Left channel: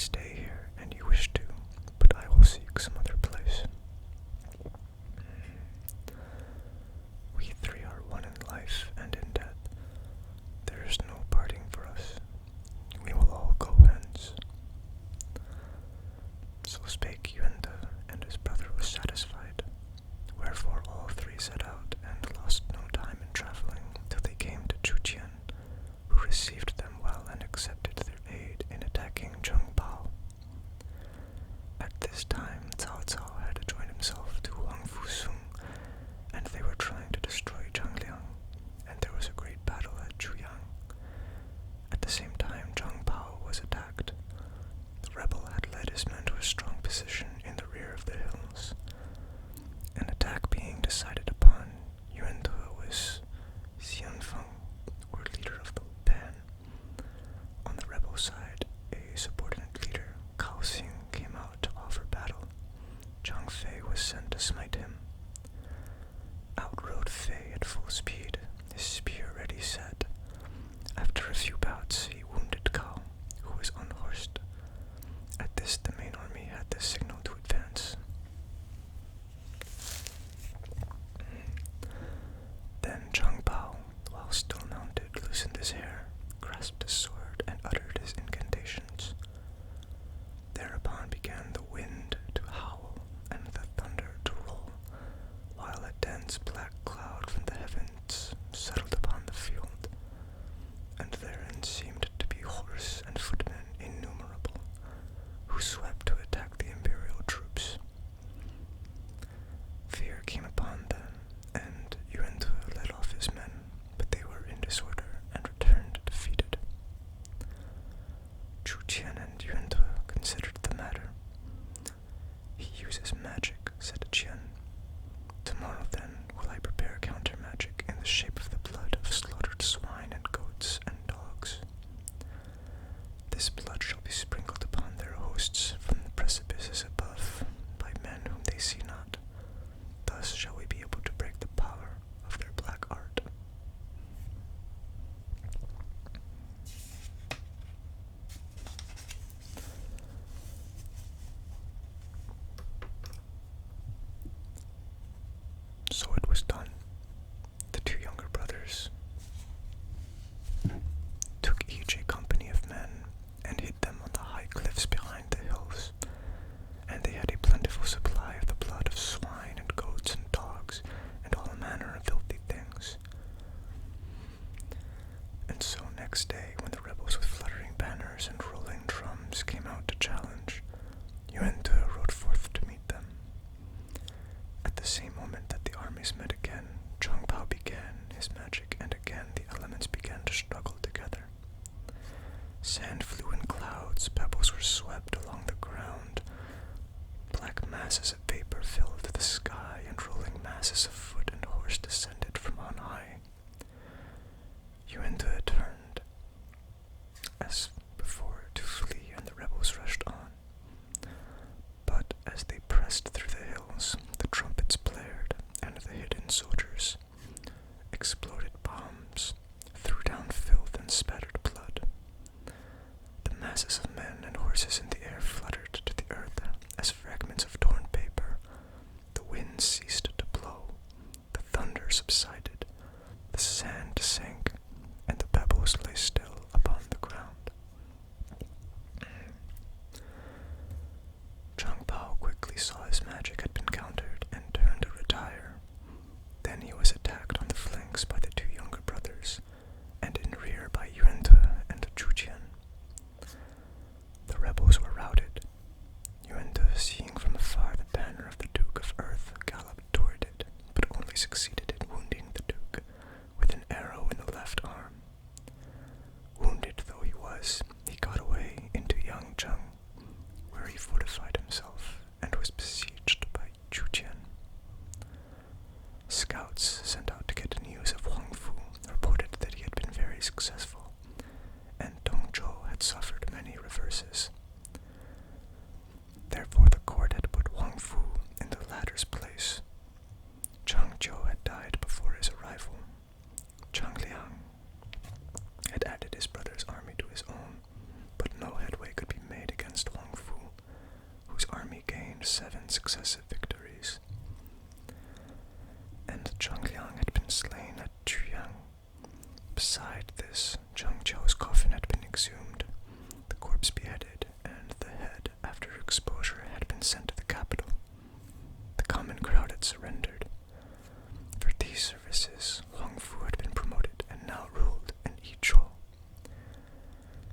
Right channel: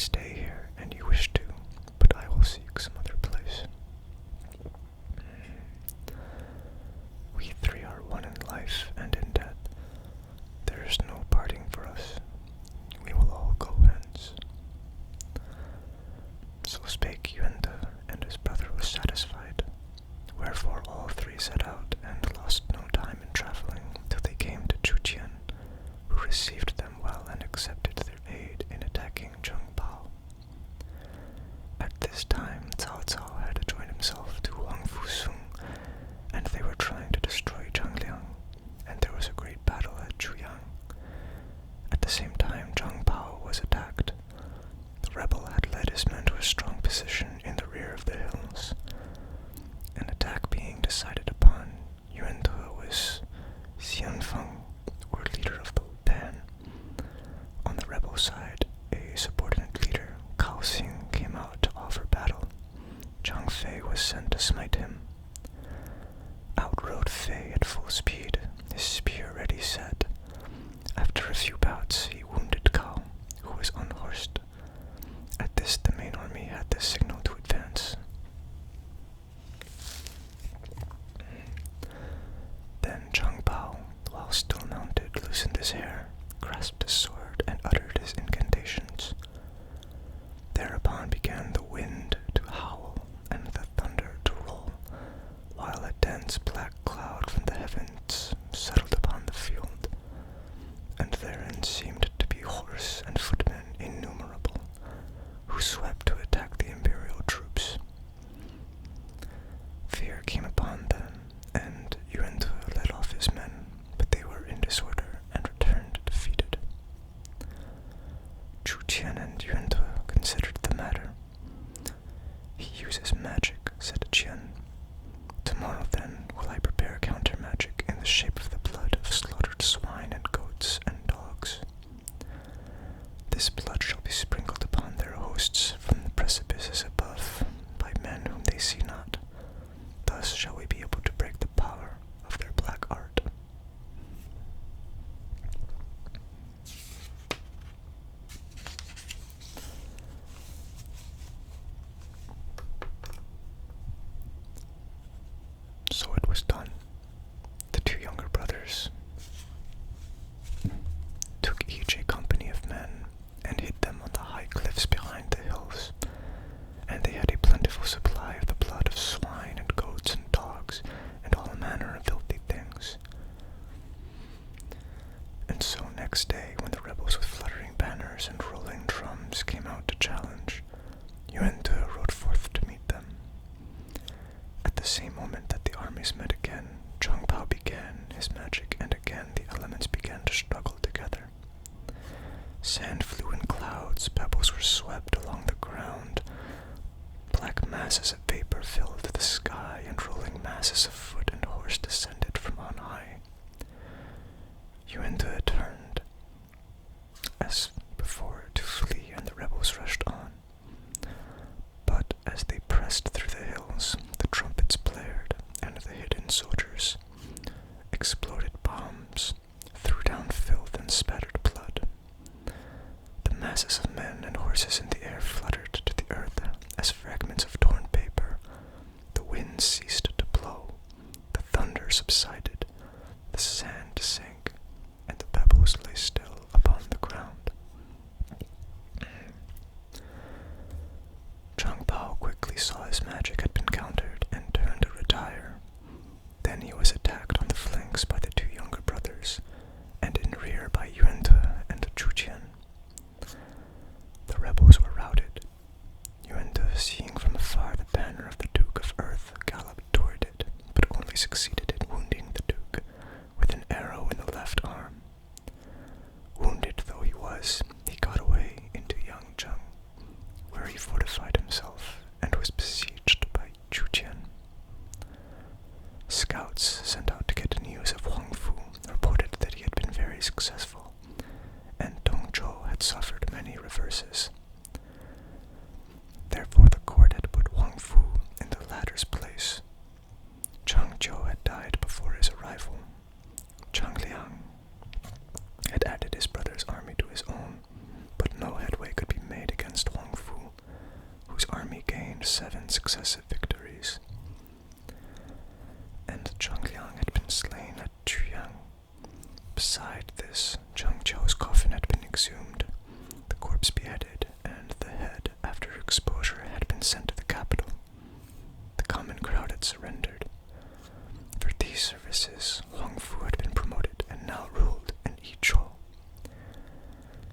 stay here and you wish to, but I will seek some other place. We three are one in life and in death. There is no parting for us. We will all go hence. So spake Yuenta, and his brother was satisfied. Wherefore all three set out, and lost no time in travelling, till they came to Chuqian, who received them well and accepted their aid in attacking Zheng Bao. At this time, Cao Cao had joined himself to Wang Fusung, and they were trying to destroy Zhangliang, and there was a great battle at Chuyang. At the same time, Zheng Bao was attacked. The rebel had led his men to a strong position in the rear of the hills. An attack being decided upon, Yuan Te was Xianfeng, or leader of the Tan. On the rebel side, a subordinate leader, Cao Xing, came out to offer battle. Zhang Fei was sent to smite him. Out rode Fei at full speed, his spear ready set. After a few bouts, he wounded Cao, who was unhorsed. At this, the main army had the signal to advance. Then Zhang Bao, while still mounted, loosened his hair, grasped his sword, and uttered his incantations. Thereupon began the wind to howl and the thunder to roll, while a dense black cloud from the heavens settled upon the field, and therein seemed to be horse and footmen innumerable, who swept to attack the imperial troops. Fear came upon them, and Yuan Te led off his men, but they were in disorder and returned defeated. Chu Qian and Yuan Te considered the matter. He uses magic, said Qian. Tomorrow then will I prepare counter-magic in the shape of the blood of slaughtered swine and goats and dogs. This blood shall be sprinkled upon their hosts from the precipices above by men whom they see not. Thus shall we be able to break the power of their black art. So it was done. The two younger brothers took each a company of men and hid them on the high cliffs behind the hills, and they had a plentiful supply of the blood of swine and goats and dogs and all manner of filthy things. And so next day, when the rebels with fluttering banners and rolling drums came out to challenge, Yuan Te rode forth to meet them. At the same moment that the armies met again, Zhang Bao began his magic, and again the elements began to struggle together. Sand flew in clouds, pebbles were swept along the ground, black masses of vapor filled the sky, and rolling masses of foot and horse descended from on high. Yuan Te turned, as before, to flee, and the rebels rushed on. But as they pressed through the hills, the trumpets blared, and the hidden soldiers exploded bombs, threw down filth, and spattered blood. The masses of men and horses in the air fluttered to the earth as fragments of torn paper. The wind ceased to blow, the thunder subsided, the sand sank, and the pebbles lay still upon the ground. Zhang Bao quickly saw his magic had been countered and turned to retire. Then he was attacked on the flanks by the two younger brothers, and in rear by Yuan Te and Chu Qian. The rebels were routed. Yuan Te, seeing from afar the banner of the Duke of Earth, galloped toward it, but only succeeded in wounding the Duke with an arrow in the left arm. Wounded though he was, he got away into Yangzheng, where he fortified himself and was besieged by Chu Qian. Scouts sent out to get news of Huang Fu reported that he had been very successful, and Dong Zhou had suffered many reverses. Therefore the court had put Huang Fu in the latter's place. Zhang Jiu had died before his arrival. Zhang Liang had added his brother's army to his own, but no headway could be made against successive victories. And Zhongliang had been slain at Chuyang. Beside this, Zhang Jiao's coffin had been exhumed, the corpse beheaded, and the head, after exposure, had been sent to the capital. The common crowd had surrendered. For these services, Huang Fu had been promoted and now ruled in Yichou.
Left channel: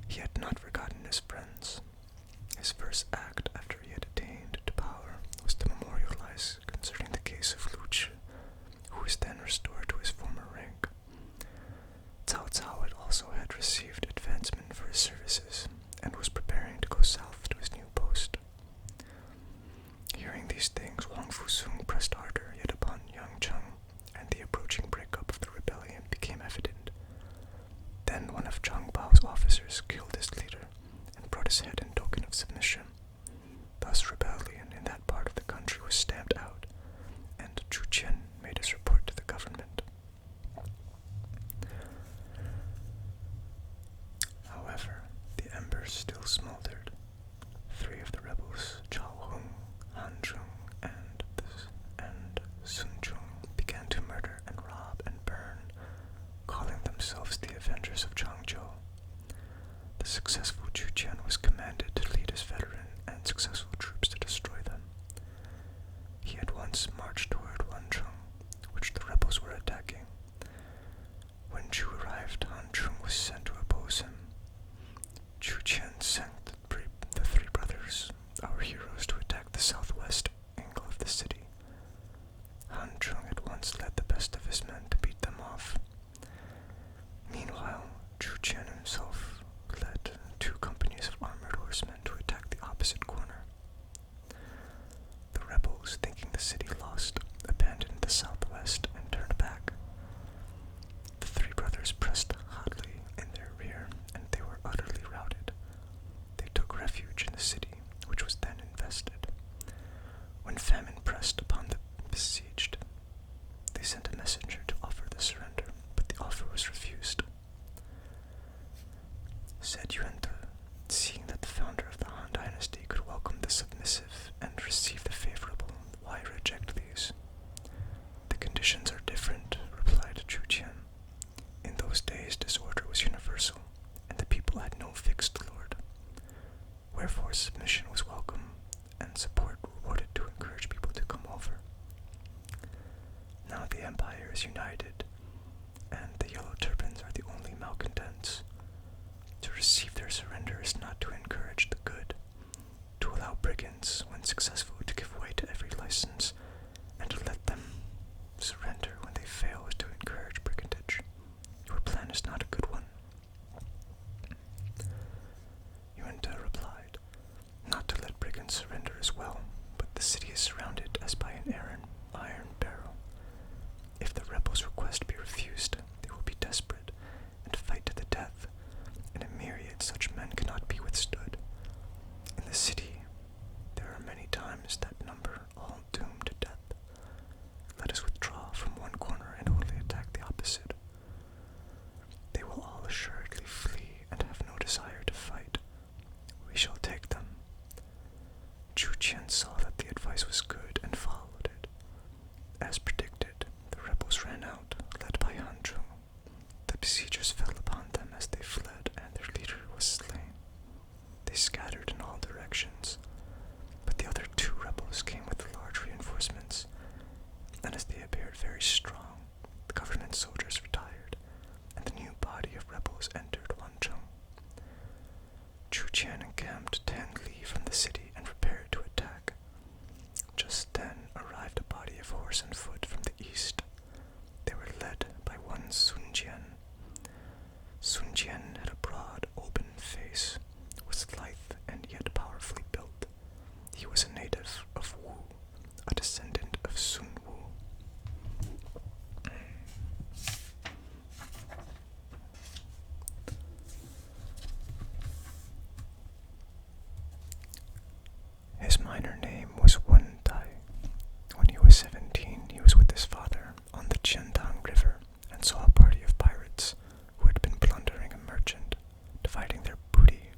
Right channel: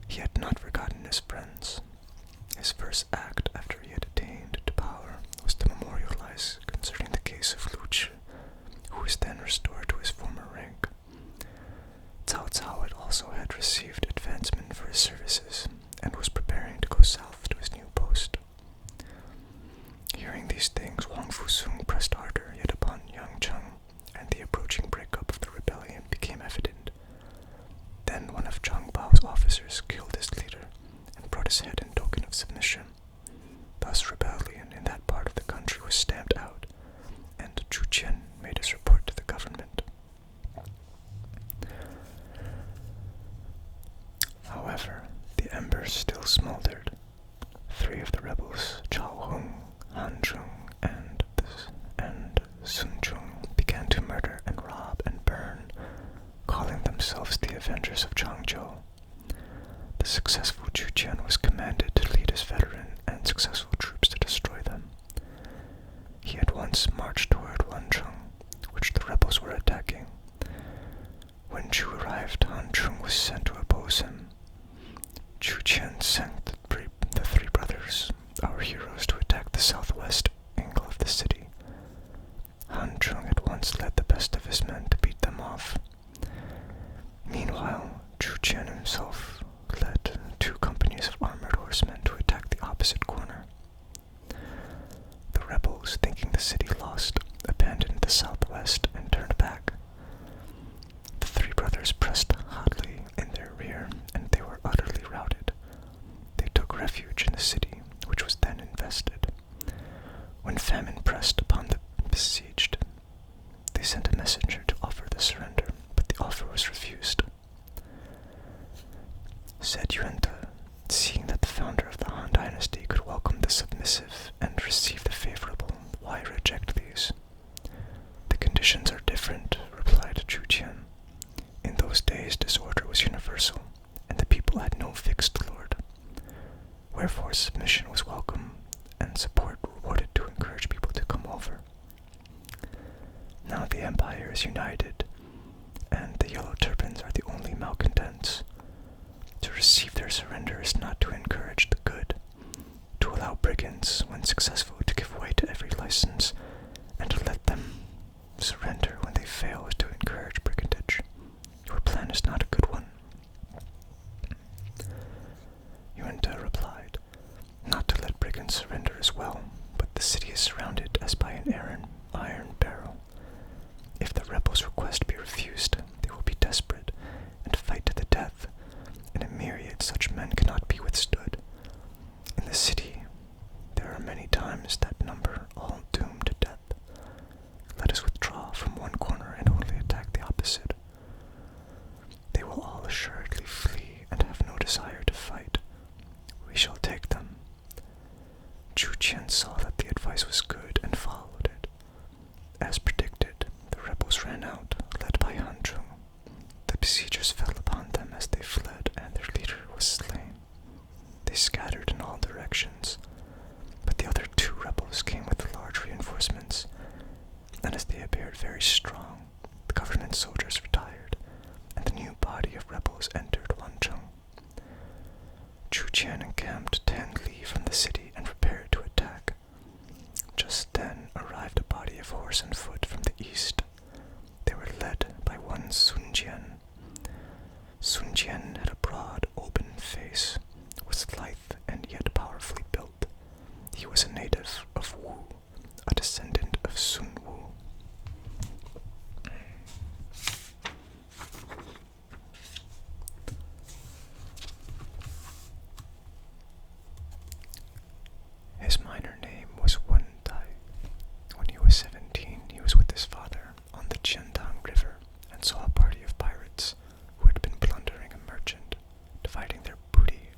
He had not forgotten his friends. His first act after he had attained to power was to memorialize concerning the case of Lu Zhi, who was then restored to his former rank. Cao Cao had received advancement for his services and was preparing to go south to his new post. Hearing these things, Huang Fusung pressed harder yet upon Yang Cheng, and the approaching breakup of the rebellion became evident. Then one of Zhang Bao's officers killed his leader and brought his head in token of submission. Thus rebellion in that part of the country was stamped out, and Chu Qian made his report to the government. However, the embers still smoldered. 3 of the rebels, Chao Hung, Han Zheng, and Sun Zhong, began to murder and rob and burn, calling themselves the Avengers of Changzhou. The successful Chu Qian was commanded to lead his veteran and successful troops to destroy them. He at once marched toward Wancheng, which the rebels were attacking. When Chu arrived, Han Zheng was sent to oppose him. Chu Qian sent the 3 brothers, our heroes, to attack the southwest angle of the city. Han Zheng at once led the best of his men to beat them off. Meanwhile, Chu Qian himself led 2 companies of armored horsemen to attack the opposite corner. The rebels, thinking the city lost, abandoned the southwest and turned back. The 3 brothers pressed hotly in their rear, and they were utterly routed. They took refuge in the city, which was then invested. When famine pressed upon the besieged, they sent a messenger to offer the surrender, but the offer was refused. Said Yuanta, seeing that the founder of the Han Dynasty could welcome the submissive and receive the favorable, why reject these? The conditions are different, replied Chu Qian. In those days disorder was universal, and the people had no fixed lord. Wherefore submission was welcome, and support rewarded to encourage people to come over. Now the empire is united, and the yellow turbans are the only malcontents. To receive their surrender is not to encourage the good. To allow brigands, when successful, to give way to every license, and to let them surrender when they fail is to encourage brigandage. Your plan is not a good one. Yuanta replied, not to let brigands surrender as well, but the city is surrounded as by an iron barrel. If the rebels' request be refused, they will be desperate and fight to the death. In a myriad such men cannot be withstood. In the city, there are many times that number all doomed to death. Let us withdraw from one corner and only attack the opposite. They will all assuredly flee and have no desire to fight. We shall take them. Chu Qian saw that the advice was good and followed it. As predicted, the rebels ran out, led by Han Zheng. The besiegers fell upon them as they fled, and their leader was slain. They scattered in all directions, but the other 2 rebels came with large reinforcements, and as they appeared very strong, the government soldiers retired, and the new body of rebels entered Wancheng. Chu Qian encamped 10 li from the city and prepared to attack. Just then arrived a body of horse and foot from the east. They were led by one Sun Jian. Sun Jian had a broad, open face, was lithe and yet powerfully built. He was a native of Wu, a descendant of Sun Wu. His minor name was Wen Tai. When he was 17, he was with his father on the Qiantang River and saw a party of pirates who had been plundering a merchant, dividing their booty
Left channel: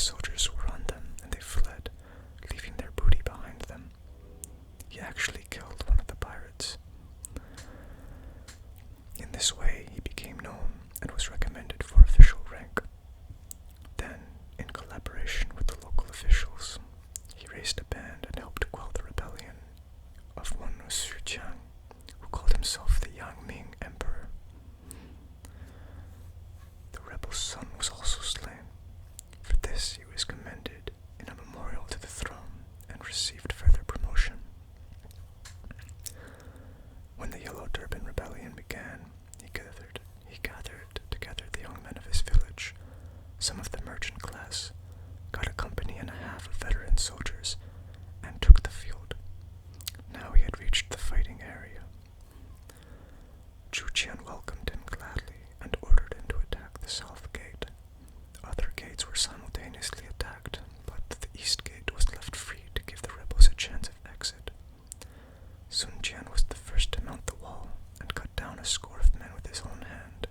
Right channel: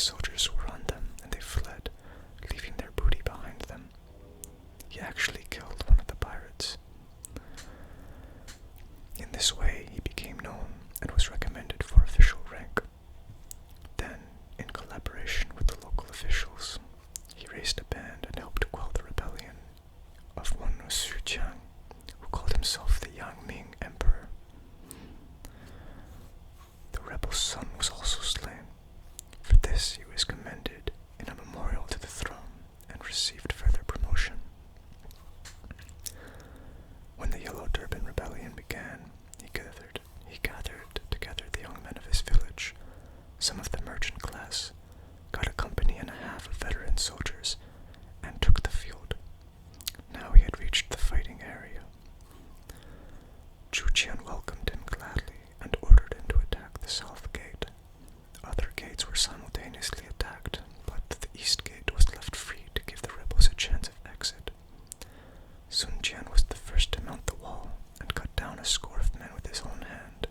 soldiers were on them, and they fled, leaving their booty behind them. He actually killed one of the pirates. In this way, he became known and was recommended for official rank. Then, in collaboration with the local officials, he raised a band and helped quell the rebellion of one Su Jiang, who called himself the Yang Ming Emperor. The rebel's son was also slain. For this, he was commended in a memorial to the throne and received further promotion. When the Yellow Turban Rebellion began, he gathered together the young men of his village, some of the merchant class, got a company and a half of veteran soldiers, and took the field. Now he had reached the fighting area. Chu Qian welcomed him gladly and ordered him to attack the south gate. Other gates were simultaneously attacked, but the east gate was left free to give the rebels a chance of exit. Sun Jian was the first to mount the wall and cut down a score of men with his own hand.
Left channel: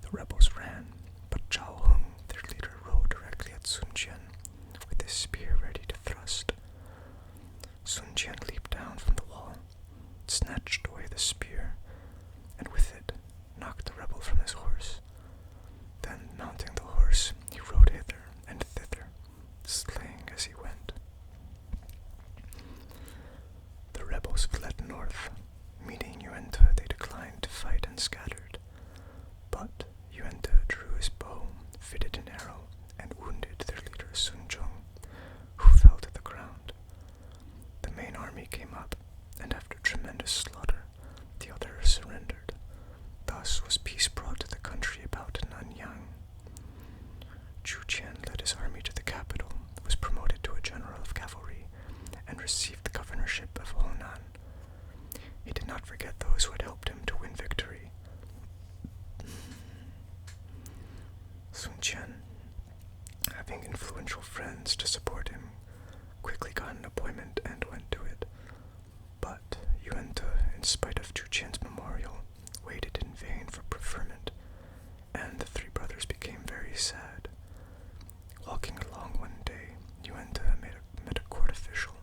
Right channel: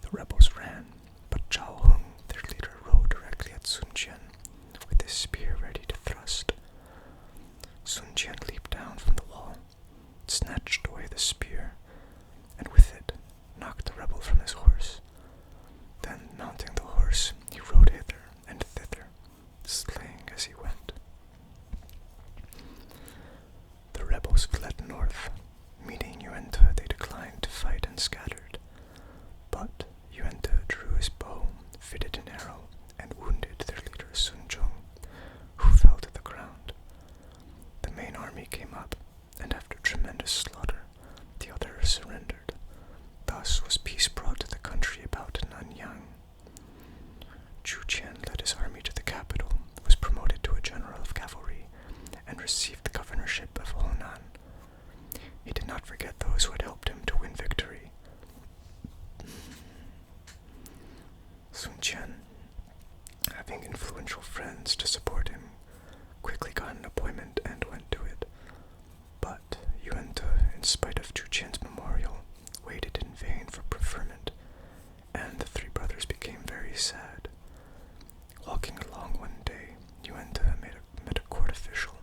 The rebels ran, but Zhao Heng, their leader, rode directly at Sun Jian with his spear ready to thrust. Sun Jian leaped down from the wall, snatched away the spear, and with it knocked the rebel from his horse. Then, mounting the horse, he rode hither and thither, slaying as he went. The rebels fled north. Meeting Yuenta, they declined to fight and scattered. But Yuenta drew his bow, fitted an arrow, and wounded their leader Sun Zhong, who fell to the ground. The main army came up, and after tremendous slaughter, the others surrendered. Thus was peace brought to the country about Nanyang. Chu Qian led his army to the capital, was promoted to a general of cavalry, and received the governorship of Honan. He did not forget those who had helped him to win victory. Sun Qian, having influential friends to support him, quickly got an appointment and went to it. But Yuenta, in spite of Chu Qian's memorial, waited in vain for preferment, and the three brothers became very sad. Walking along one day, Yuenta met a court official,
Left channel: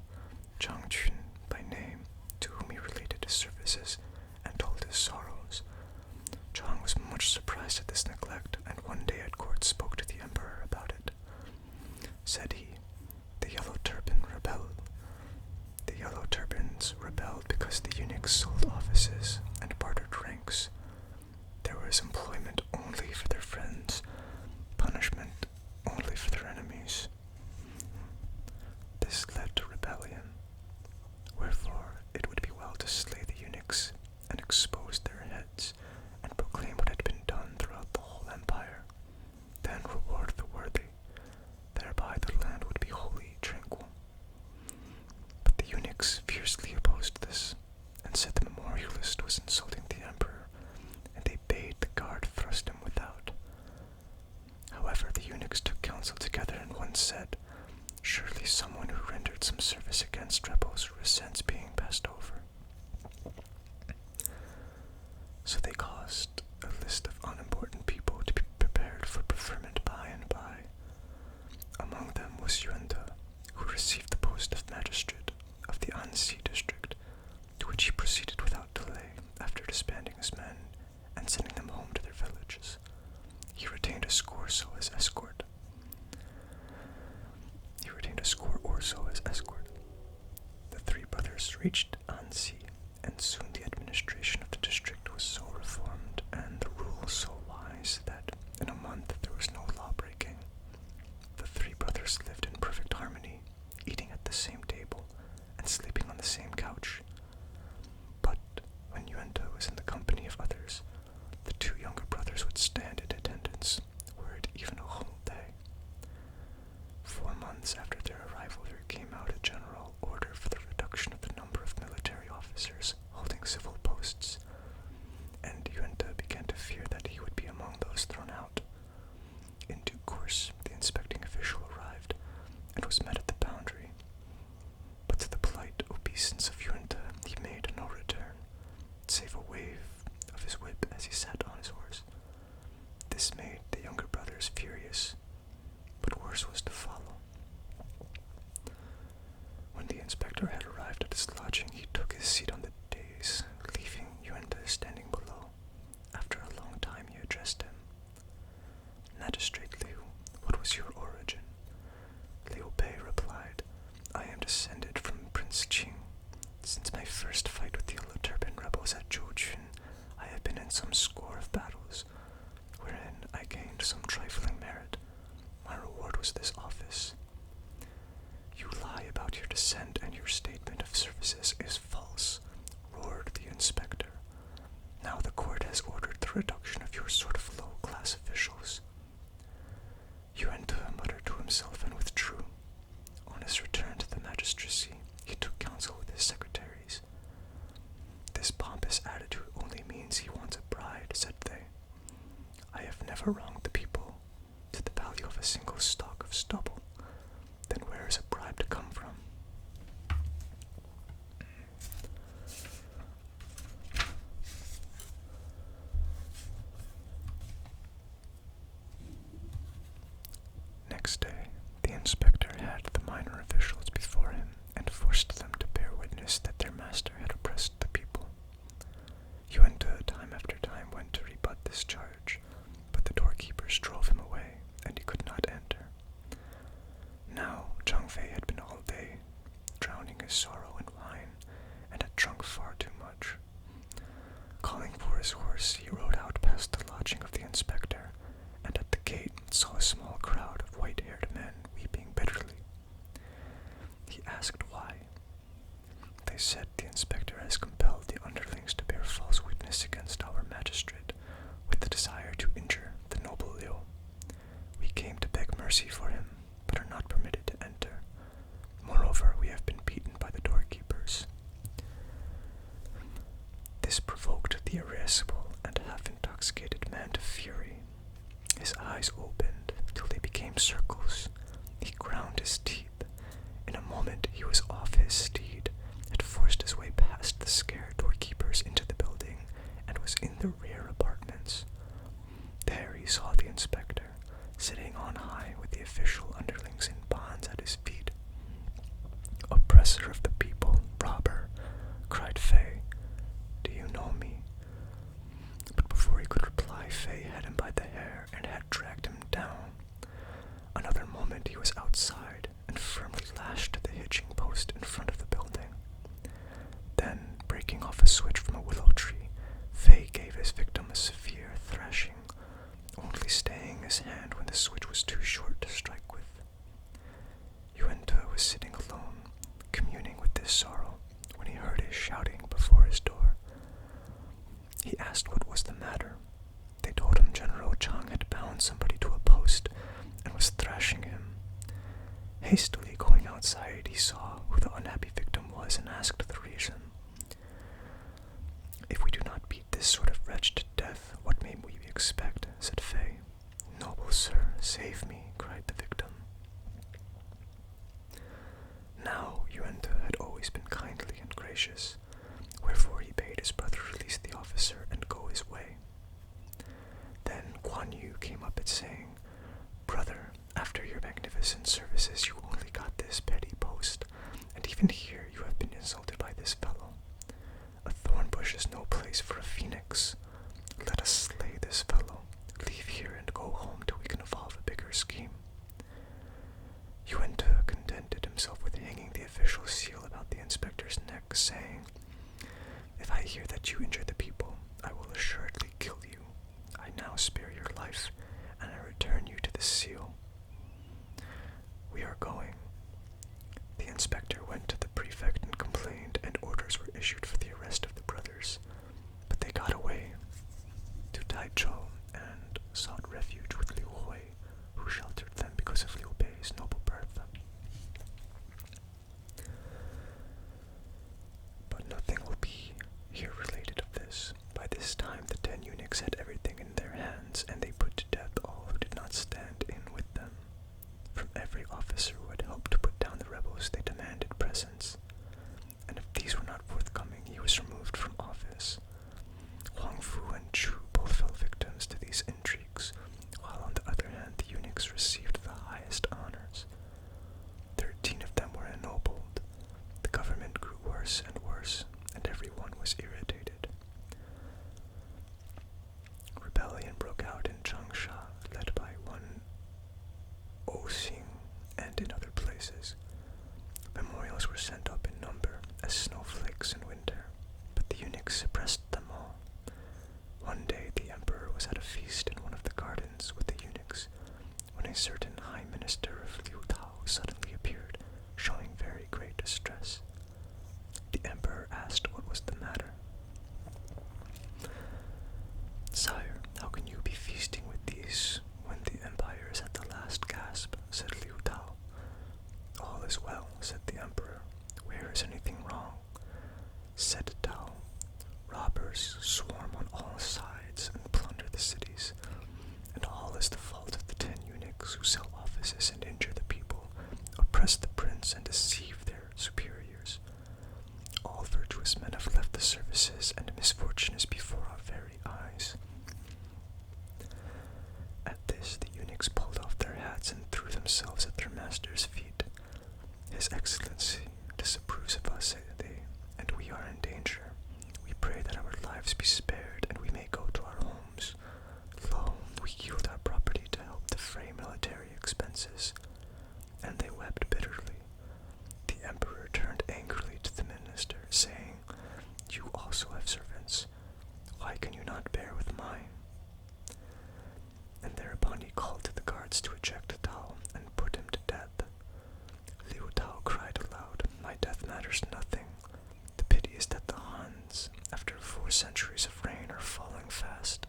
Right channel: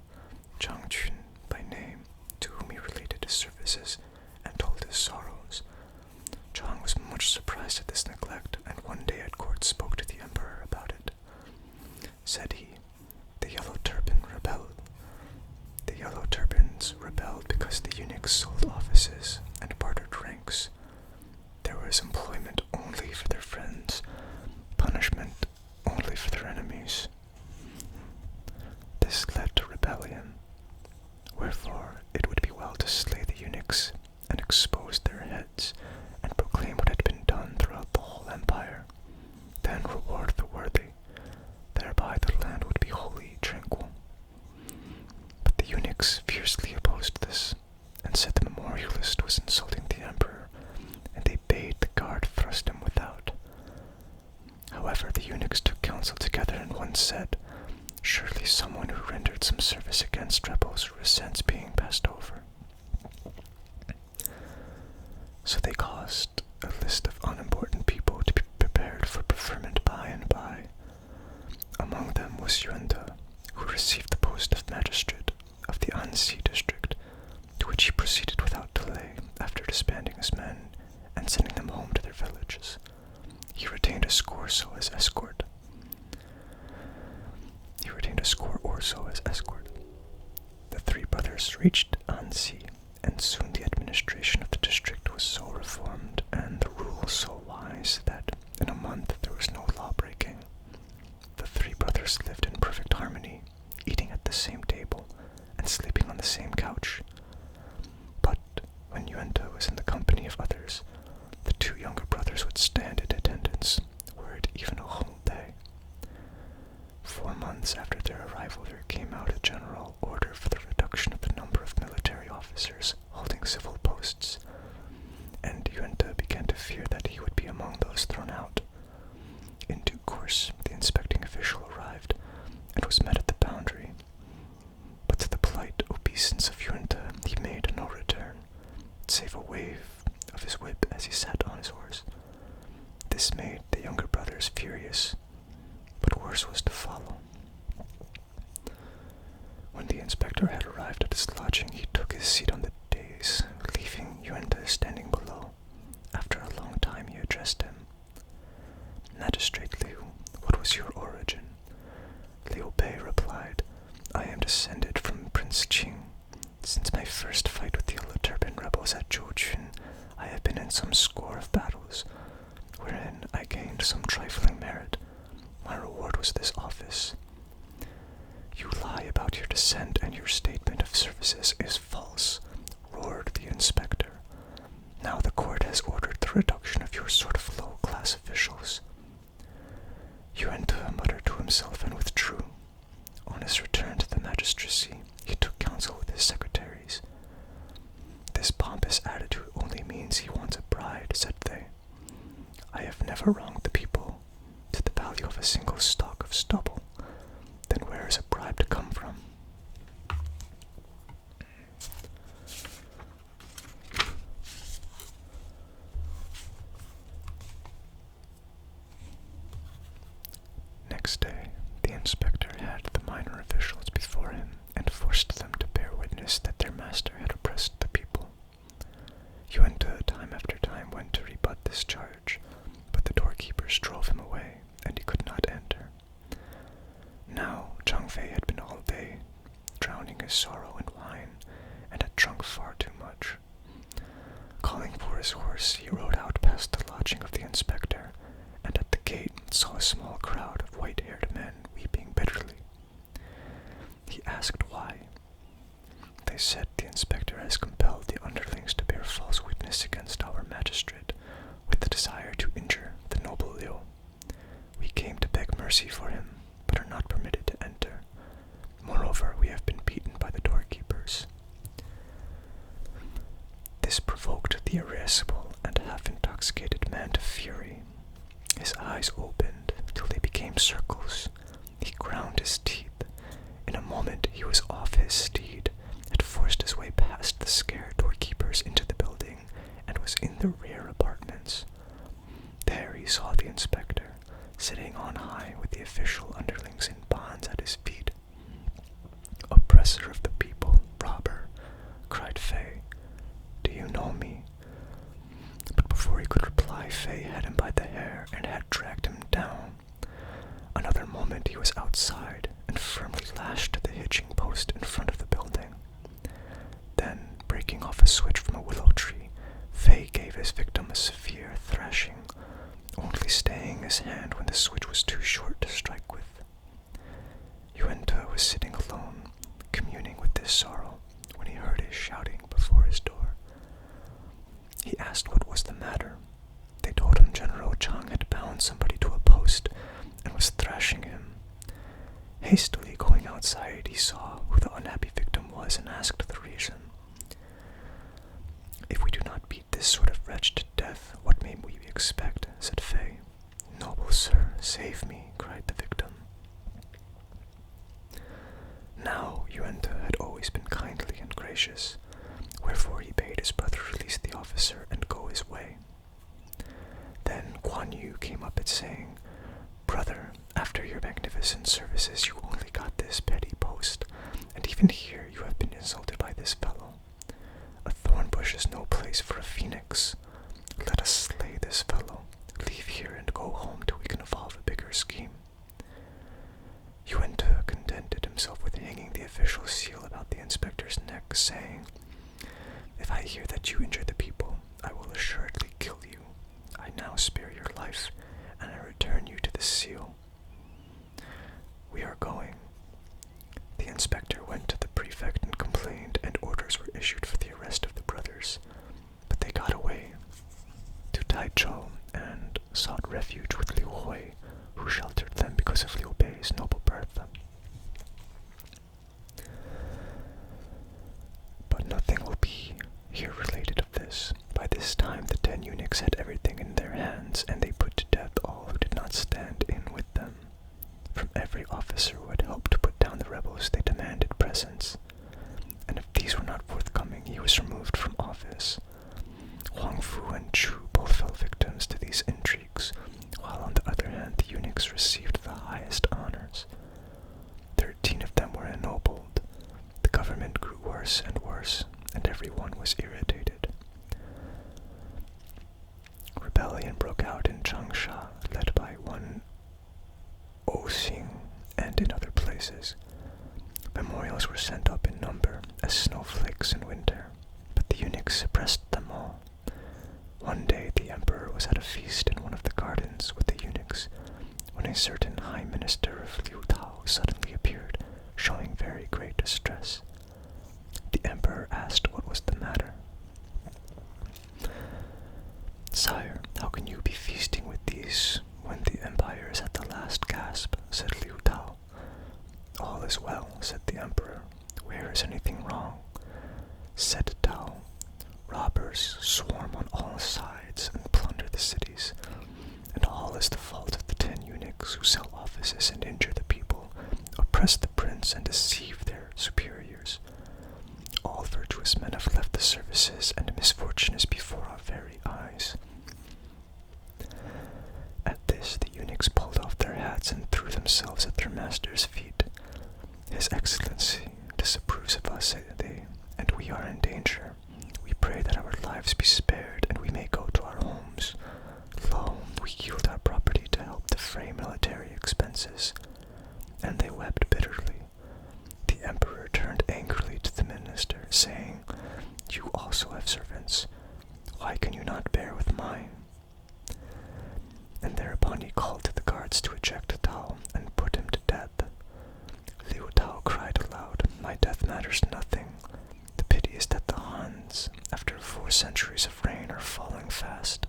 Zhang Qun by name, to whom he related his services and told his sorrows. Zhang was much surprised at this neglect, and one day at court spoke to the emperor about it. Said he, The Yellow Turbans rebelled because the eunuchs sold offices and bartered ranks. There was employment only for their friends, punishment only for their enemies. This led to rebellion. Wherefore it would be well to slay the eunuchs and expose their heads and proclaim what had been done throughout the whole empire. Then reward the worthy. Thereby the land would be wholly tranquil. But the eunuchs fiercely opposed this, and said the memorialist was insulting the emperor, and they bade the guard thrust him without. However, the eunuchs took counsel together, and one said, Surely someone who rendered some service against rebels resents being passed over. So they caused a list of unimportant people to be prepared for preferment by and by. Among them was Yuenta, who received the post of magistrate of the Anxi district, to which he proceeded without delay after disbanding his men and sending them home to their villages. He retained a score as escort. The three brothers reached Anxi, and soon the administration of the district was so reformed and the rules so wise that in a month there was no law-breaking. The three brothers lived in perfect harmony, eating at the same table and sleeping on the same couch. But when Yuenta was in the company of others, the two younger brothers would stand in attendance, were it even a whole day. 4 months after their arrival, there came out a general order for the reduction of the number of military officers holding civil posts, and Yuenta began to fear that he would be among those thrown out. In due course, the inspecting official arrived and was met at the boundary, but to the polite obeisance of Yuenta, he made no return, save a wave of his whip as he sat on his horse. This made the younger brothers furious, but worse was descended from Prince Qing. Since my first fight with the Yellow Turban rebels at Zhouchun, I have been in some score of battles, wherein I gained some trifling merit. My reward was this office. You lie about your descent, and your statement of services is false, roared the inspector. Now the court has ordered the reduction of your sort of low-class officials. Yuenta muttered to himself and withdrew. On his return to the magistracy, he took counsel with his secretaries. This pompous attitude only means he wants a bride, said they. I have never wronged the people to the value of a single stalk of stubble. Then where is a bribe to come from? Next day, the inspector had the minor officials before him and forced them to bear witness that their master had oppressed the people. Yuenta time after time went to rebut this charge, but the doorkeepers drove him away, and he could not enter. Now Zhang Fei had been all day drowning his sorrow in wine, and had drunk far too much. Calling for his horse, he rode out past the lodging of the inspector, and at the gate saw a small crowd of white-haired men weeping bitterly. He asked why. They said the inspector has compelled the underlings to bear false witness against our magistrate, with the desire to injure the noble Liu. We came to beg mercy for him, but are not permitted to enter. Moreover, we have been beaten by the doorkeepers. This provoked the irascible and half-intoxicated man to fury. His eyes opened till they became circles. He ground his teeth. In a moment he was off his steed, had forced his way past the scared doorkeepers into the building, and was in the rear apartments. There he saw the inspector, sitting on high with the official underlings in bonds at his feet. "Oppressor of the people, robber," cried Fei. "Do you know me?" But before he could reply, Fei had him by the hair and had dragged him down. Another moment he was outside and firmly lashed the hitching post in front of the building. Then, breaking off a switch from a willow tree, Fei gave his victim a severe thrashing, only staying his hand when the switch was too short to strike with. Yuenta was sitting alone, communing with this sorrow, when he heard his shouting before his door. He asked what was the matter. They told him General Zhang had bound somebody to a post and was thrashing him. Hastily going outside, he saw who the unhappy victim was and asked the reason. "If we do not beat this sort of wretch to death, what may we expect?" said Fei. "Noble sir, save me," cried the victim. Now Yuenta had always been kindly and gracious, wherefore he bade his brother release the officer and go his way. Then Guan Yu came up, saying, "Brother, after your magnificent services you only got this petty post, and even here you have been insulted by this fellow. A thorn bush is no place for a phoenix. Let us slay this fellow, leave here and go home till we can evolve a bigger scheme." Yuenta contented himself with hanging the official seal about the inspector's neck, saying, "If I hear that you injure the people, I will assuredly kill you. I now spare your life, and I return you to the seal. We are going." The inspector went to the prefect and complained, and orders were issued for the arrest of the brothers, but they got away to Taichou and sought refuge with Liu Hui, who sheltered them because of Liu Bei's noble birth. But nothing will be here related of this. By this time the 10 eunuchs had everything in their hands, and they put to death all who did not stand in with them. From every officer who had helped to put down the rebels they demanded presents, and if these were not forthcoming he was removed from office. Huang Fu and Chu both fell victims to these intrigues, while on the other hand the eunuchs received the highest honors. 13 of them were ennobled. The government grew worse and worse, and everyone was irritated. Rebellion broke out in Changsha, led by one Oxing, and in other places. Memorials were sent up in number as snowflakes in winter, but the eunuchs suppressed them all. One day the emperor was at a feast in one of the gardens with the eunuchs, when a certain high minister of Liu Tao suddenly appeared, showing very great distress. The emperor asked what was the matter. "Sire, how can you be feasting with these when the empire is at the last gasp?" said Liu Tao. "All is well," said the emperor. "Where is anything wrong?" Said Tao, "Robbers swarm on all sides and plunder the cities, and all is the fault of the 10 eunuchs who sell offices and injure the people, oppress the prince and deceive their superiors. All virtuous men have left the services, and misfortune is before our very eyes." At this, the eunuchs pulled off their hats and threw themselves at their master's feet. "His Excellency disapproves of us," said they, "and we are in danger. We pray that our lives be spared and we may go to our homes. Lo, we yield our property to help defray military expenses." And they wept bitterly. The emperor turned angrily to the minister, saying, "You also have servants. Why can you not bear with mine?" And thereupon he called to the guards to eject Tao and put him to death. Liu Tao cried aloud, "My death matters nothing. The pity is that the Hans, after 4 centuries of reign, are falling fast."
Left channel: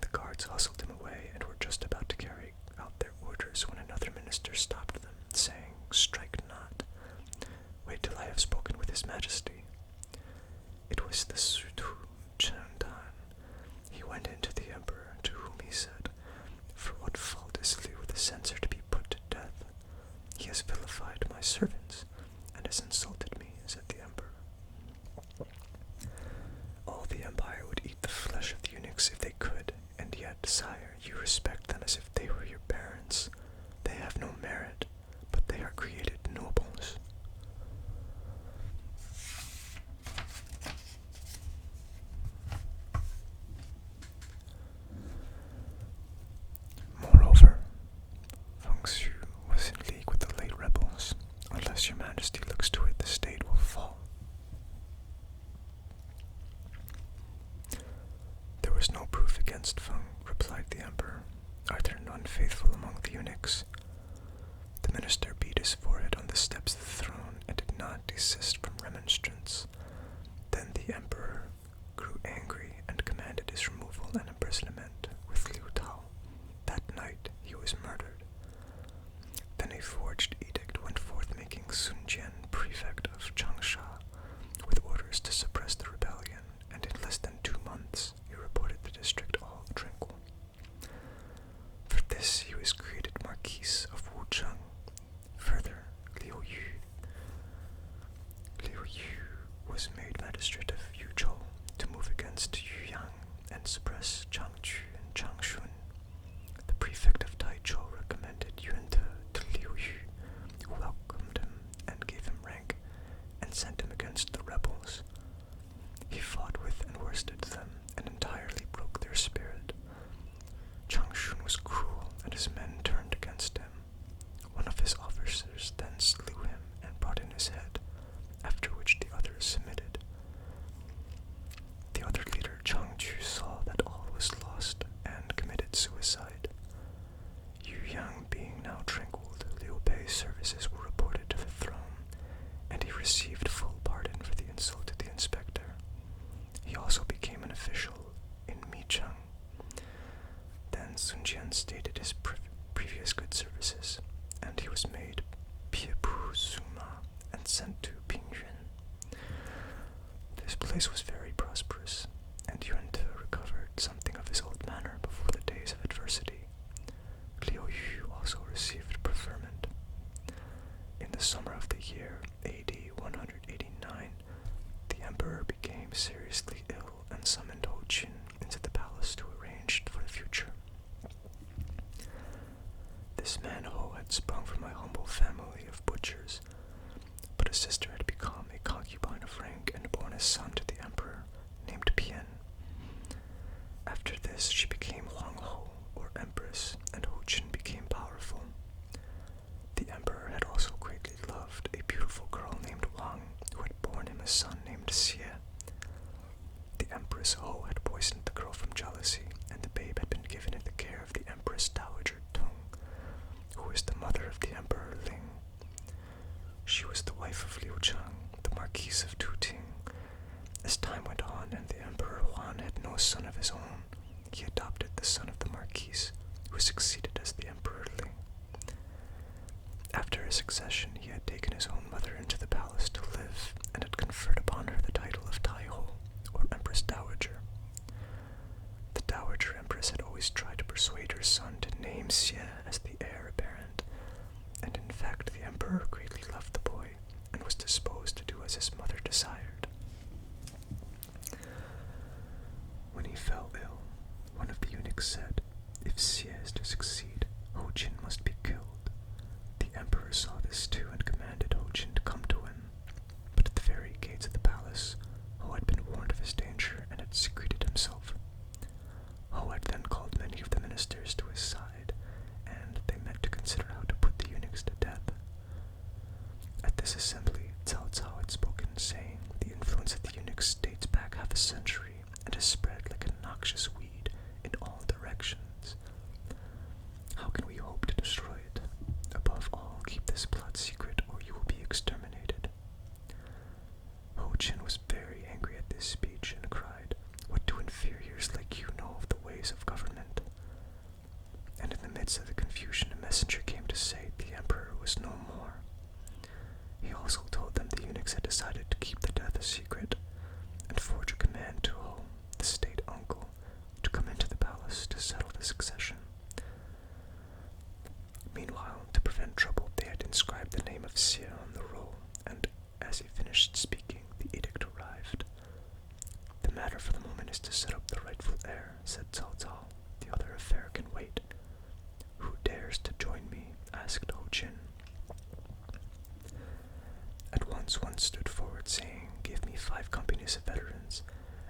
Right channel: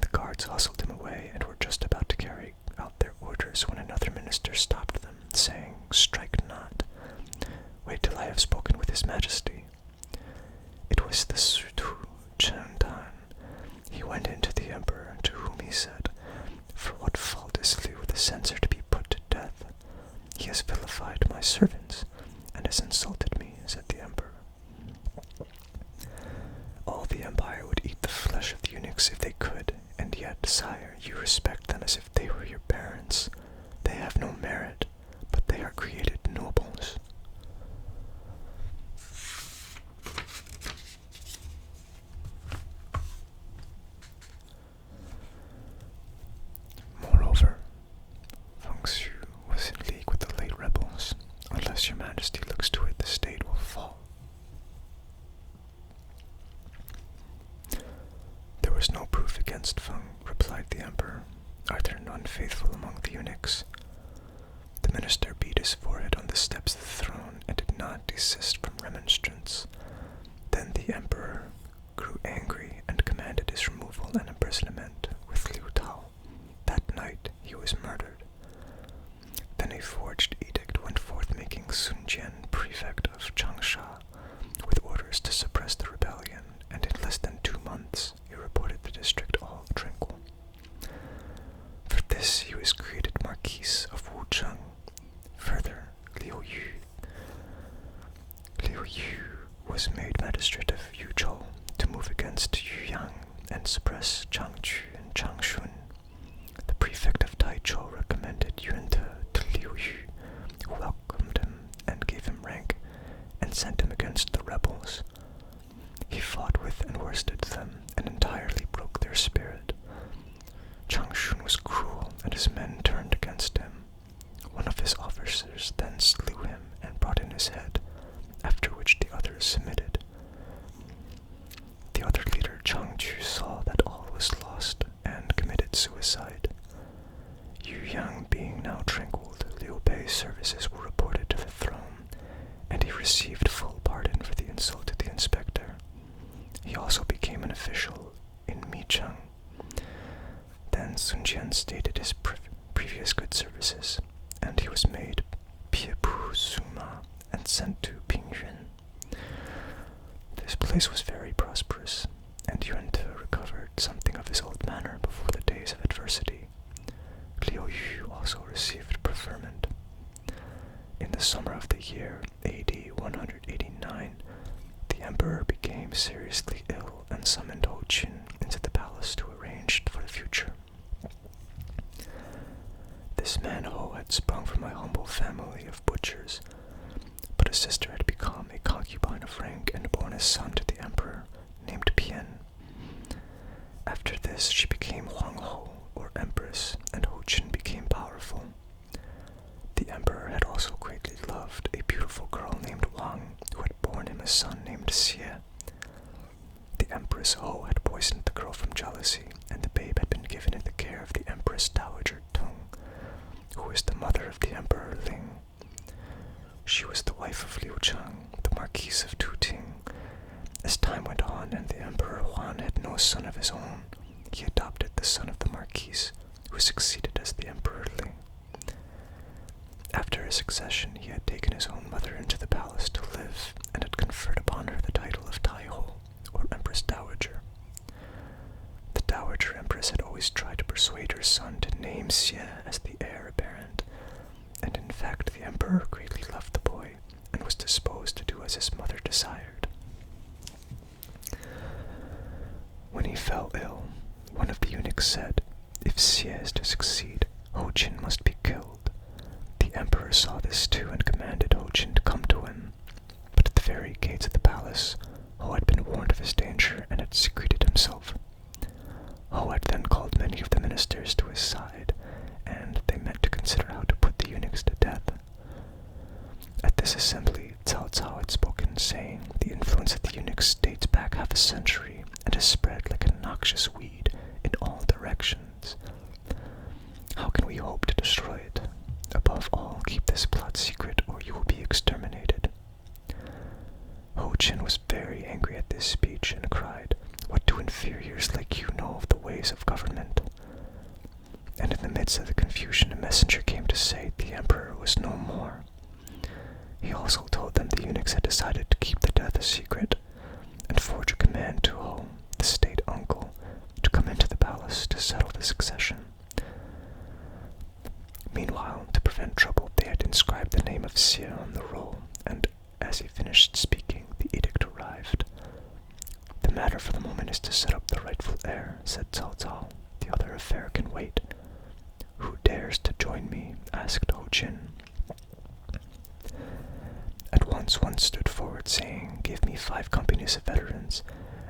The guards hustled him away and were just about to carry out their orders when another minister stopped them, saying, "Strike not. Wait till I have spoken with His Majesty." It was the Sutu Chendan. He went in to the emperor, to whom he said, "For what fault is Liu the censor to be put to death? He has vilified my servants and has insulted me," said the emperor. "All the empire would eat the flesh of the eunuchs if they could, and yet, sire, you respect them as if they were your parents. They have no merit, but they are created nobles." Moreover, Feng Xu was in league with the late rebels. "Unless your majesty looks to it, the state will fall." "There was no proof against Feng," replied the emperor. "Are there none faithful among the eunuchs?" The minister beat his forehead on the steps of the throne and did not desist from remonstrance. Then the emperor grew angry and commanded his removal and imprisonment with Liu Tao. That night he was murdered. Then a forged edict went forth making Sun Jian prefect of Changsha, with orders to suppress the rebellion, and in less than 2 months he reported the district all tranquil. For this he was created Marquis of Wucheng. Further, Liu Yu was made magistrate of Yuzhou to move against Yuyang and suppress Changchu and Changshun. The prefect of Taichou recommended Yunte to Liu Yu, who welcomed him and gave him rank, and sent him against the rebels. He fought with and worsted them, and entirely broke their spirit. Changshun was cruel, and his men turned against him. One of his officers then slew him and brought in his head, after which the others submitted. The other leader, Changchu, saw that all was lost and committed suicide. Yuyang being now tranquil, Liu Bei's services were reported to the throne, and he received full pardon for the insult to the inspector. He also became an official in Micheng. Then Sun Jian stated his previous good services, and he was made Piepu Suma and sent to Pingyuan. This place was very prosperous, and Yunte recovered something of his old manner before the days of adversity. Liu Yu also received preferment. In the summer of the year AD 189, the emperor became seriously ill and summoned Ho Qin into the palace to arrange for the future. This man Ho had sprung from a humble family of butchers, but his sister had become a concubine of rank and borne a son to the emperor, named Pian. After this, she became Huang Ho, or empress, and Ho Qin became powerful. The emperor had also greatly was the mother of the Emperor Ling. She was the wife of Liu Cheng, the Marquise of Tuting. As time went on and the Emperor Huan had no son of his own, he adopted the son of the Marquise, who succeeded as the Emperor Ling. After his succession, he had taken his own mother into the palace to live and had conferred upon her the title of Taiho, or Empress Dowager. The Dowager Empress had always tried to persuade her son to name Xie as the heir apparent, and in fact the Emperor greatly loved the boy and was disposed to do as his mother desired. When he fell ill, one of the eunuchs said, "If Xie is to succeed, Ho Jin must be killed." The Emperor saw this too and commanded Ho Jin to come to him, but at the very gates of the palace, Ho had been warned of his danger and had secreted himself. Ho had then called many of the ministers to his side, and they met to consider how to put the eunuchs to death. At this assembly, Cao Cao had spoken, saying, "The influence of the eunuchs dates back half a century and has spread like a noxious weed in all directions. How can we hope to destroy it? Above all, keep this plot secret or you will be exterminated." Ho Jin was very angry at this speech and cried, "What do inferiors like you know of the ways of government?" And in the midst of the confusion, a messenger came to say the Emperor was no more. He also told them the eunuchs had decided to keep the death a secret, and forge a command to Ho, the state uncle, to come into the palace to settle the succession. Meanwhile, to prevent trouble, they had inscribed the name of Xie on the roll, and as he finished speaking, the edict arrived. "The matter for the moment is to set up the rightful heir," said Cao Cao. "The other affair can wait." "Who dares to join me?" asked Ho Jin. At once one stood forward, saying, "Give me 5 companies of veterans,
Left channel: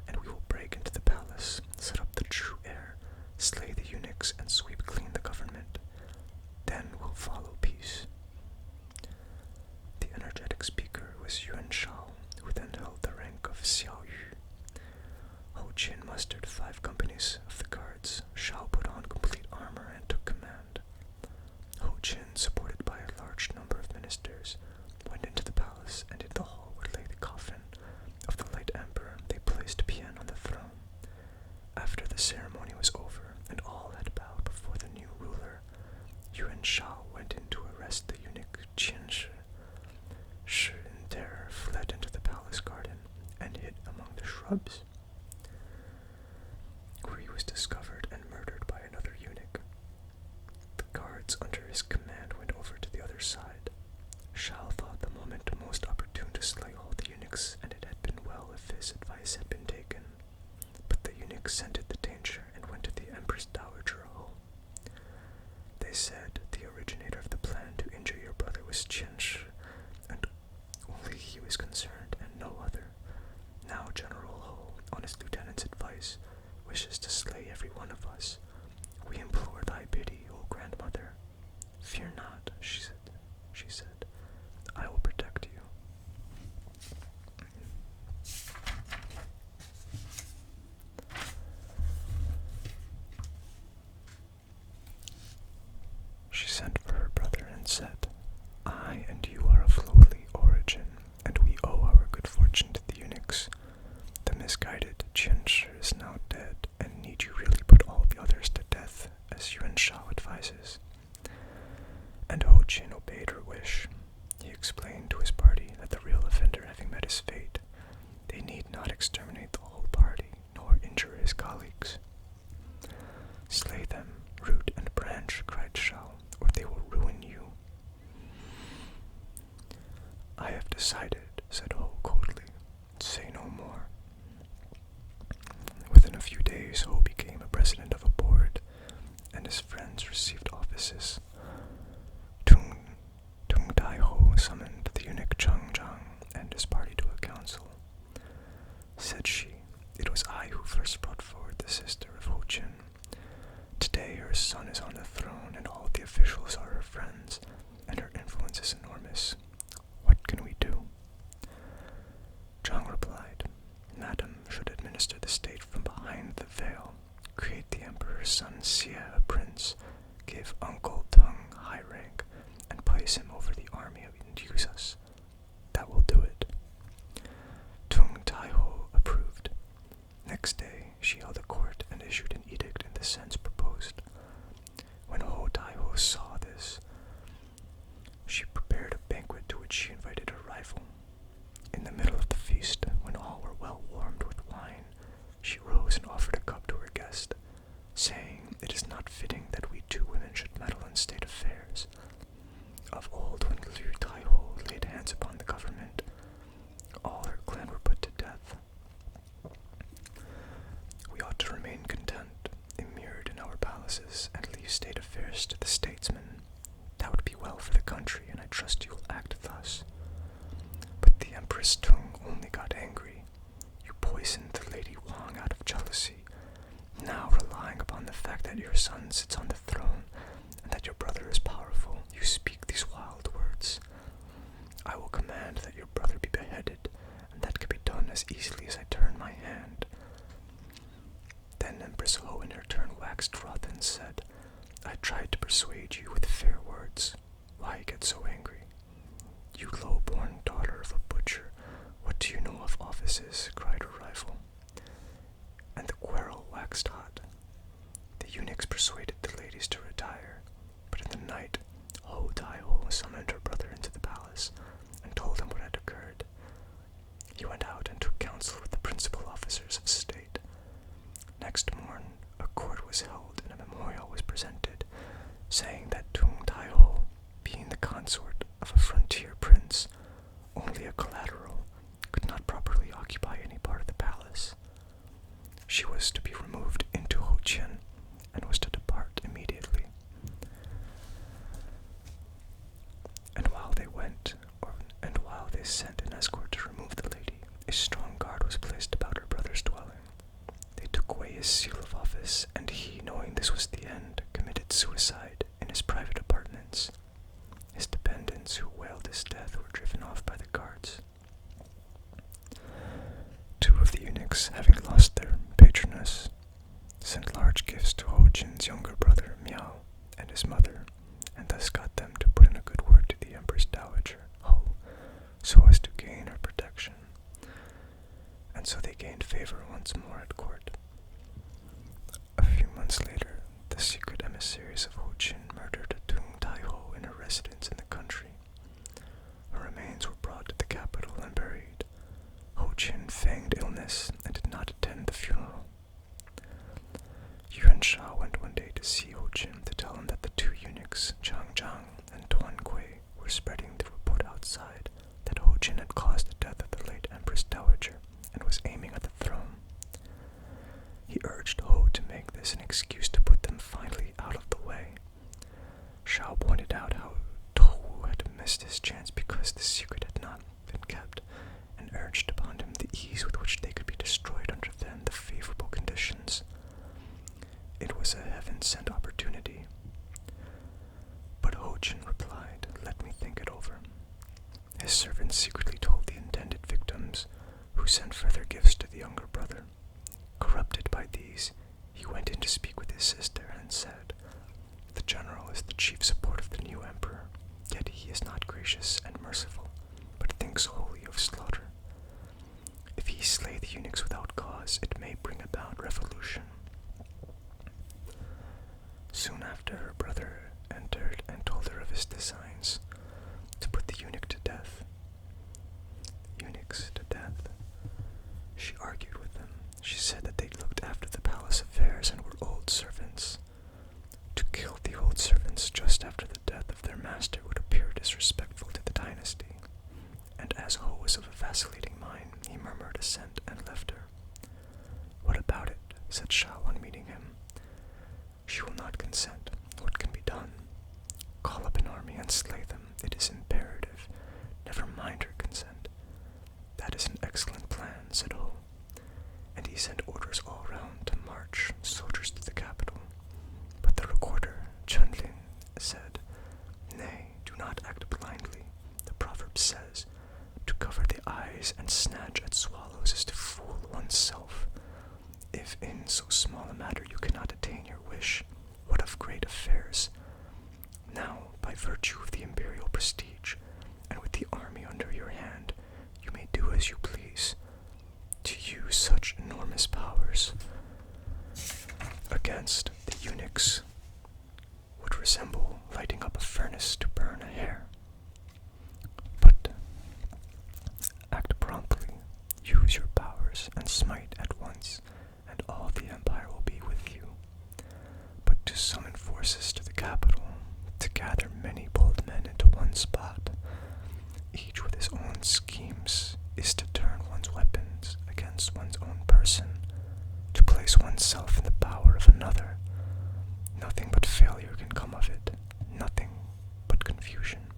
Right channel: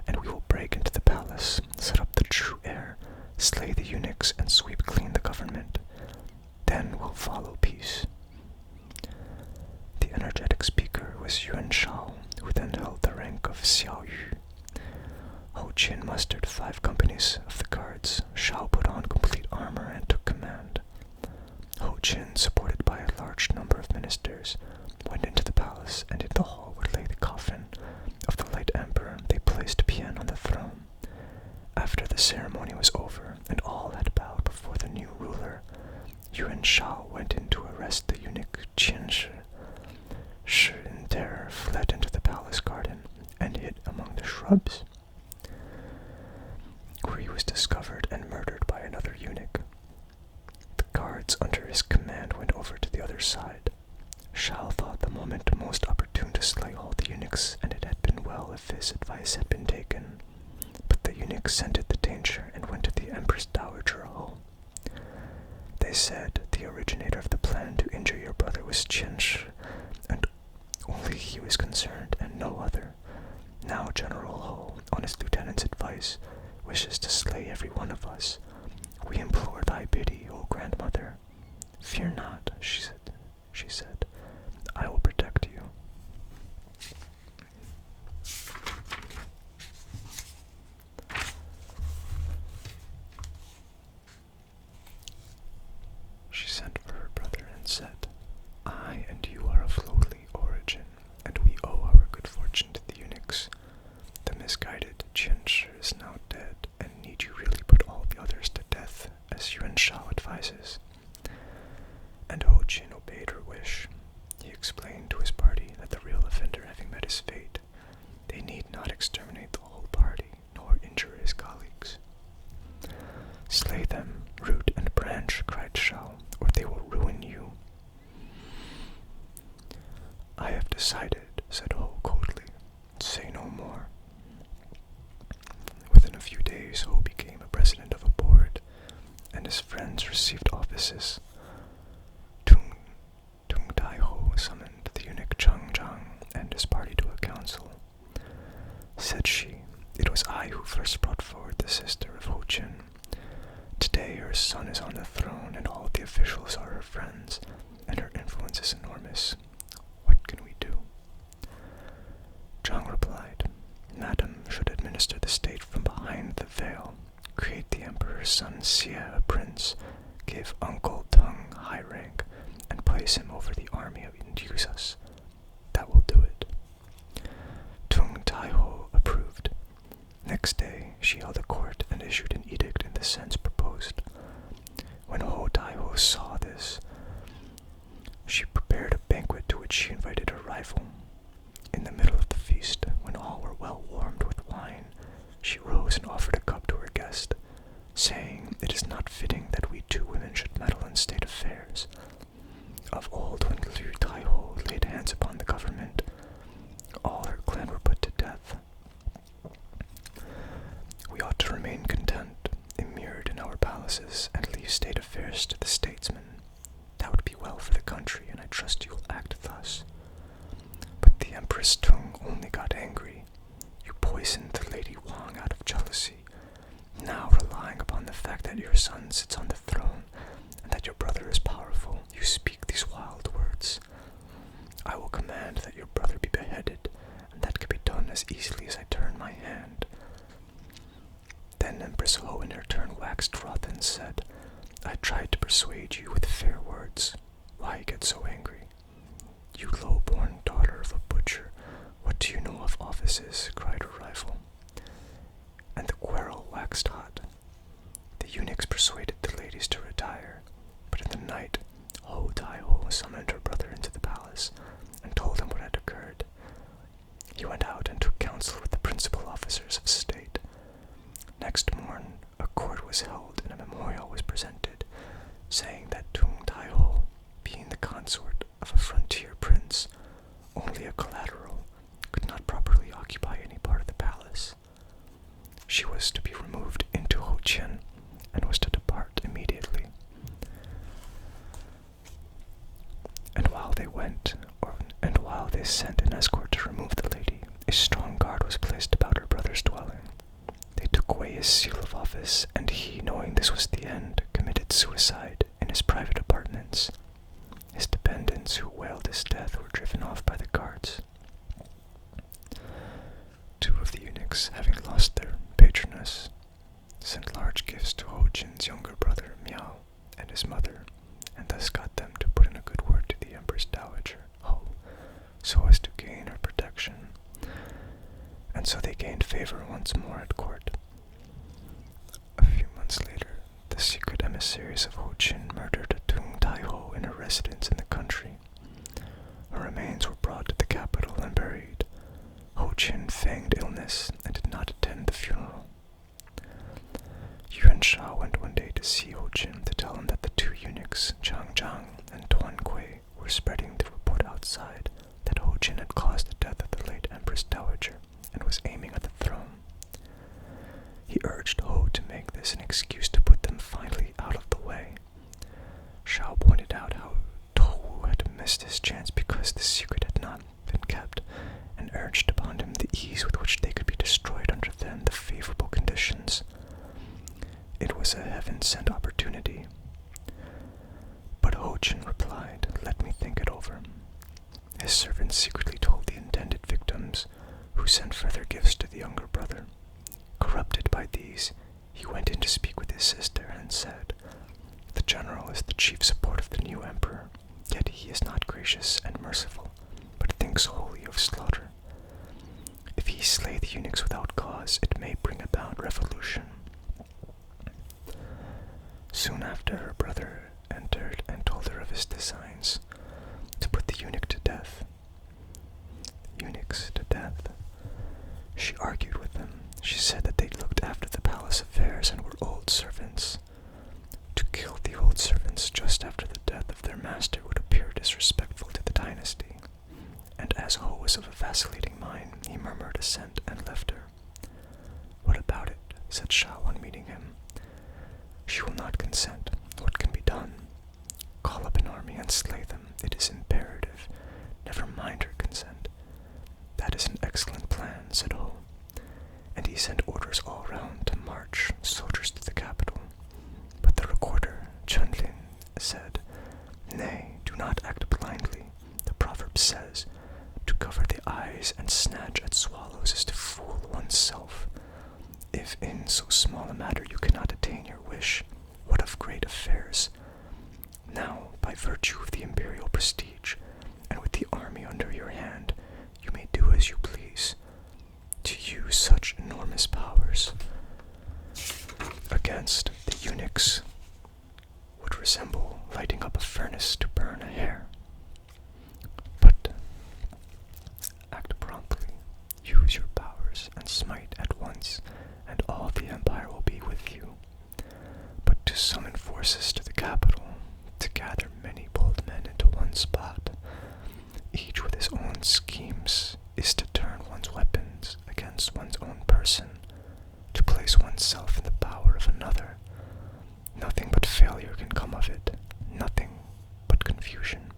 and we will break into the palace, set up the true heir, slay the eunuchs, and sweep clean the government. Then will follow peace." The energetic speaker was Yuan Shao, who then held the rank of Xiao Yu. Ho Jin mustered 5 companies of the guards. Shao put on complete armor and took command. Ho Jin, supported by a large number of ministers, went into the palace, and in the hall where lay the coffin of the late emperor, they placed Pian on the throne. After the ceremony was over, and all had bowed before the new ruler, Yuan Shao went in to arrest the eunuch Qian Shi. Shi, in terror, fled into the palace garden and hid among the shrubs, where he was discovered and murdered by another eunuch. The guards under his command went over to the other side. Shao thought the moment most opportune to slay all the eunuchs, and it had been well if his advice had been taken. But the eunuchs scented the danger and went to the Empress Dowager Ho. They said the originator of the plan to injure your brother was Qian Shi, and only he was concerned and no other. Now General Ho, on his lieutenant's advice, wishes to slay every one of us. We implore thy pity, O grandmother. Fear not, she said. I will protect you. She sent for her brother and said, "I and you are of lowly origin, and we owe our good fortune to the eunuchs. The misguided Qian Shi is now dead, and need you really put all the others to death, as Yuan Shao advises?" And Ho Jin obeyed her wish. He explained to his party that the real offender having met his fate, they need not exterminate the whole party, nor injure his colleagues. "Slay them, root and branch," cried Shao, "or they will ruin you." "I have decided," said Ho coldly. "Say no more." Within a few days, Ho became a president of a board, and his friends received offices. Tung Tai Ho summoned the eunuch Chang Zhang and his party to a council. Said she, "It was I who first brought forward the sister of Ho Jin. Today her son is on the throne, and all the officials are her friends, and her influence is enormous. What can we do?" Zhang replied, "Madam should administer the state from behind the veil, create the emperor's son Xie a prince, give Uncle Teng high rank and place him over the army and use us. That will do it." Tung Tai-ho approved. Next day, she held a court and issued an edict in the sense proposed. When Ho Tai-ho saw this, she prepared a banquet to which she invited her rival. In the middle of the feast, when all were well warmed with wine, she rose and offered a cup to her guest, saying, "It is not fitting that we two women should meddle in state affairs. Of old, when Liu Tai-ho laid hands upon the government, all her clan were put to death. We ought to remain content, immured in our palaces, and leave state affairs to the statesmen. That would be well for the country, and I trust you will act thus." But the Empress Tung only got angry. "You poisoned the Lady Wang out of jealousy. Now, relying upon the fact that your son sits on the throne, and that your brother is powerful, you speak these wild words. I will command that your brother be beheaded, and that can be done as easily as I turn my hand." Then Empress Ho in her turn waxed wroth and said, "I tried to persuade you with fair words. Why get so angry? You low-born daughter of a butcher, what do you know of offices?" cried her rival. And the quarrel waxed hot. The eunuchs persuaded the ladies to retire, but in the night Ho Tai-ho summoned her brother into the palace and told him what had occurred. He went out and took counsel with the principal officers of state. Next morn, a court was held and a memorial was presented, saying that Tung Tai-ho, being the consort of a frontier prince, only a collateral, could not properly occupy any part of the palace. She was to be removed into Ho-chien and was to depart immediately. And while they sent an escort to remove the lady, a strong guard was placed about her brother's dwelling. They took away his seal of office, and he, knowing this was the end, committed suicide in his private apartments. His dependents, who wailed his death, were driven off by the guards. Two of the eunuchs, having lost their patroness, sent large gifts to Ho-chin's younger brother, Miao, and his mother, and thus got them to put in a good word to the Empress Dowager, Ho, so as to gain her protection. And so they gained favor once more at court. A few months later, the secret emissaries of Ho-chin murdered Tung Tai-ho in her residence in the country. Her remains were brought to the capital and buried. Ho-chin feigned illness and did not attend the funeral. Yuan Sha went one day to see Ho-chin to tell him that the two eunuchs, Chang Zhang and Tuan Kui, were spreading the report outside that Ho-chin had caused the death of the late Empress Dowager and was aiming at the throne. He urged Ho to make this an excuse to put them finally out of the way. Shao pointed out how Tohu had missed his chance because the secret had not been kept, and urged upon him the ease with which they could be destroyed under then the favorable conditions. It was a heaven-sent opportunity. But Ho-chin replied, "Let me think it over." His servants secretly told the intended victims, who sent further gifts to the younger brother. Corrupted by these, he went in to speak with his sister and said, "The general is the chief support of the new emperor, yet he is not gracious and merciful, but thinks wholly of slaughter. If he slay the eunuchs without cause, it may bring about revolution." Soon after, her brother entered and told her of his designs to put the eunuchs to death. She argued with them. She said that they looked after the palace affairs and were old servants. To kill the old servants just after the death of their master would appear disrespectful to the dynasty, and as Ho was of a vacillating mind, he murmured assent and left her. "What about it?" said Shao on meeting him. "She will not consent. What can be done? Call up an army and slay them. It is imperative. Never mind her consent." "That is an excellent plan," said Ho, and he sent orders all round to march soldiers to the capital. But the recorder, Chunlin, said, "Nay, do not act blindly. The proverb says, 'To cover the eyes and snatch at swallows is to fool oneself.' If in so small a matter you cannot attain your wish, what of great affairs? Now, by virtue of the imperial prestige, and with the army under your hand, you may do as you please. To use such enormous powers against the eunuchs would resemble lighting up a furnace to burn a hair. But act promptly, use your powers, and smite at once, and all the empire will be with you. But to summon forces to the capital, to gather many bold men into one spot, each with his own schemes, is to turn one's weapons against one's own person, to place oneself in the power of another. Nothing but failure can come of it, nothing but confusion.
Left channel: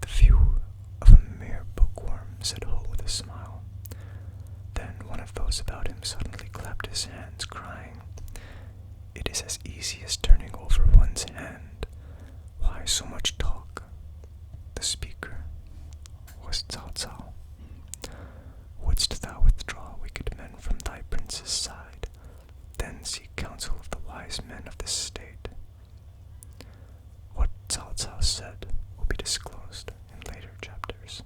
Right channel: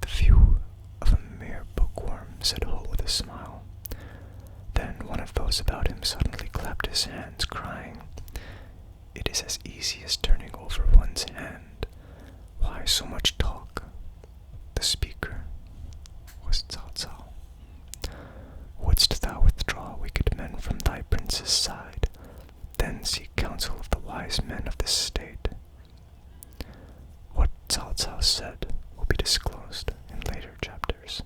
The view of a mere bookworm, said Ho with a smile. Then one of those about him suddenly clapped his hands, crying, "It is as easy as turning over one's hand. Why so much talk?" The speaker was Cao Cao. "Wouldst thou withdraw wicked men from thy prince's side, then seek counsel of the wise men of this state." What Cao Cao said will be disclosed in later chapters.